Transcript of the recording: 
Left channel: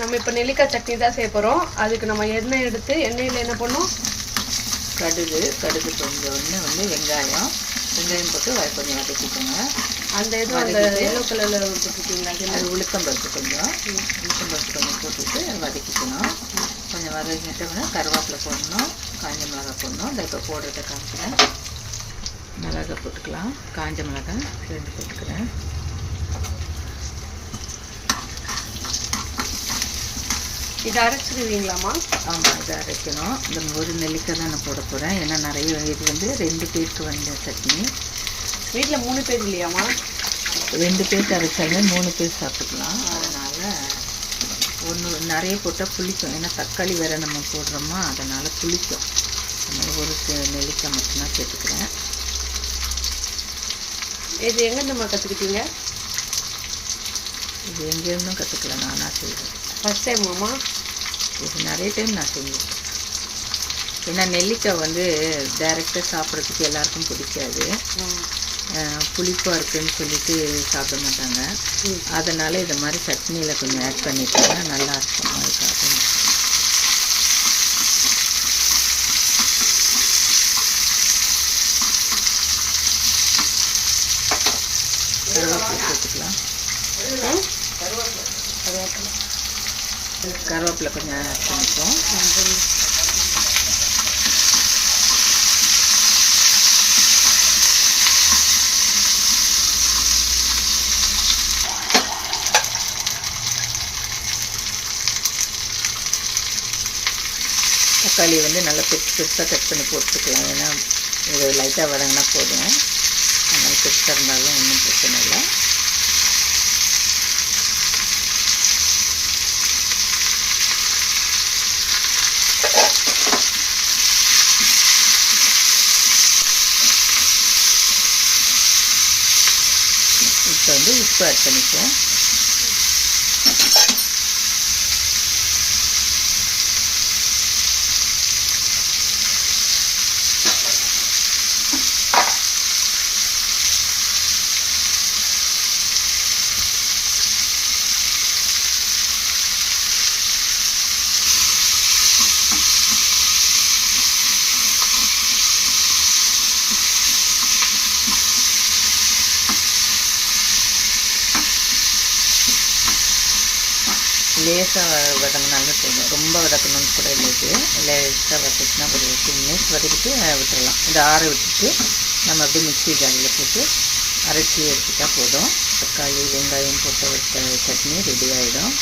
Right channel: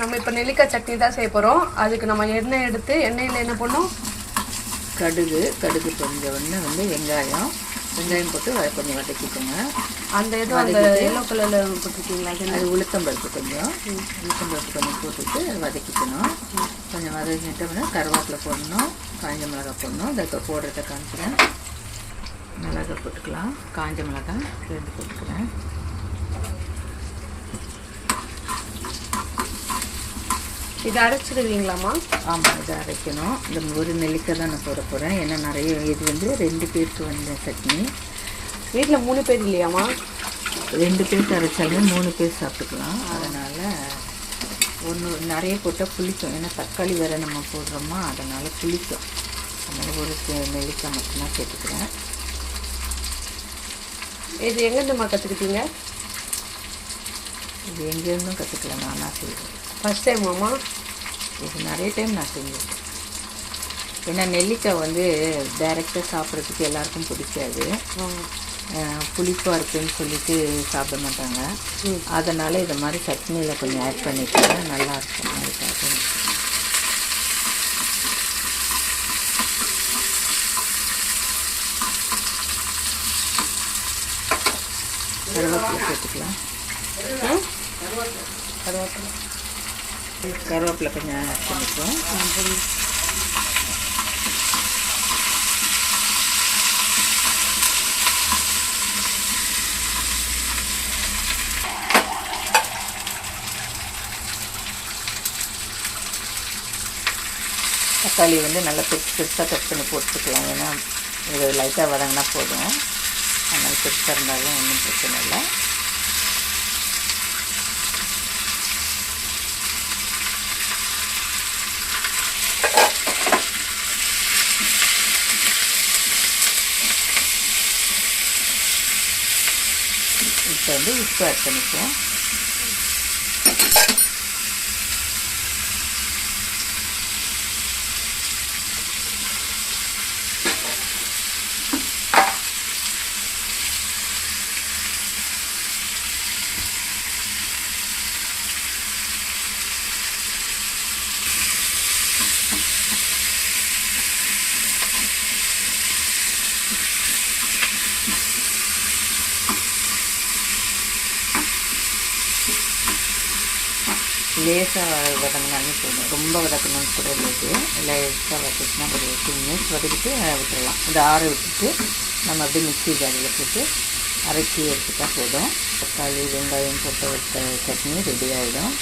நம்ம இப்போ நெல்லிக்காய் சட்னி தான் செய்ய போகிறோம். அதுக்கு நம்ம எண்ணெய் எடுத்து எண்ணெயில் என்ன பண்ணோம், கடுகு கொஞ்சம் வந்து வெங்காயம் போட்டு கொஞ்சம் வதக்கிக்கோங்க. அந்த இதுவும் அந்த எல்லோ கலரில் போட்டுருக்கீங்களா? அது உளுத்தம்பருப்பு கொஞ்சம் போட்டுட்டு வதக்கிக்கணும். கொஞ்சம் வதக்கிட்டோம்னா கருவேப்பிலை போடணும், காஞ்ச மிளகாய் போடணும். இந்த இப்போ போடுறத காமிக்கிறேன். மிளகாய் போட்டுக்கலாம், காஞ்ச மிளகாய் 2 போட்டுக்கிறேன். இதை அரைச்சிடுவீங்களாம்மா? ஆமாம், இதை அரைக்கணும். இந்த ஒரு நெல்லிக்காய் தான் நான் போட போகிறேன். ஏன்னா நிறைய இது வந்து 2 பேருக்கு வந்த சட்னி. வீட்டில் 3 பேர் இல்லையாம்மா? 2 பேருக்கு அரைச்சாலும் 3 பேர் சாப்பிட்டுக்கலாம். அதனால் நிறைய போட்டால் புளிக்கும். ஏன்னா தக்காளி வேறு நம்ம போடுறோமா, அதனால் புளிக்கும். அதனால் ஒரு நெல்லிக்காய் மட்டும்தான் சேர்த்துக்கிறேன். இது எங்கேருந்துமா கற்றுக்கிட்டீங்க? இது எங்கேருந்தும் கற்றுக்கலாம், நானாக செய்வேன். ஃபஸ்ட் டைமாம்மா? இது நிறைய டைம் நான் செஞ்சுருக்கேன். ஏன்னா நெல்லிக்காய் வந்து டைரெக்டாக சாப்பிட்றதுக்கு எல்லாருக்கும் பிடிக்காது. புளிப்பாக இருக்குதுன்னு சொல்லிட்டு சாப்பிட மாட்டாங்க. அதனால் இதை மாதிரி சட்னியில் கொஞ்சம் ஆட் பண்ணிட்டோம்னா நல்லாயிருக்கும். அதுக்காக கருவேப்பிலை சேர்த்துக்கலாம். கருவேப்பிலை கொஞ்சம் ஆட் பண்ணிப்போம். தக்காளி வந்து நல்லா பெருசாக கட் பண்ணி போட்டுக்கலாம். ஏன்னா இது லைட்டாக வதங்கினா போதும். அதனால் பெருசாக இருந்தாலும் ஒன்றும் பிரச்சனை இல்லை. இப்போ வந்து உப்பு ஆட் பண்ணிப்போம். லேசாக வதங்கினாலும் போதும், ரொம்ப வதக்கணும்னு கூட இல்லை. லேசாக வதக்கினா ஒரு 2 மினிட்ஸ் வதக்கிட்டு விட்டுடலாம். இந்த ஆற விட்டுட்டு நம்ம அப்படியே மிக்ஸி ஜாரியில் போட்டு அரைச்சி எடுத்துட்டா போதும். தக்காளி வெங்காயம் போட்டு வச்ச சட்னி ரெடி ஆகிடும்.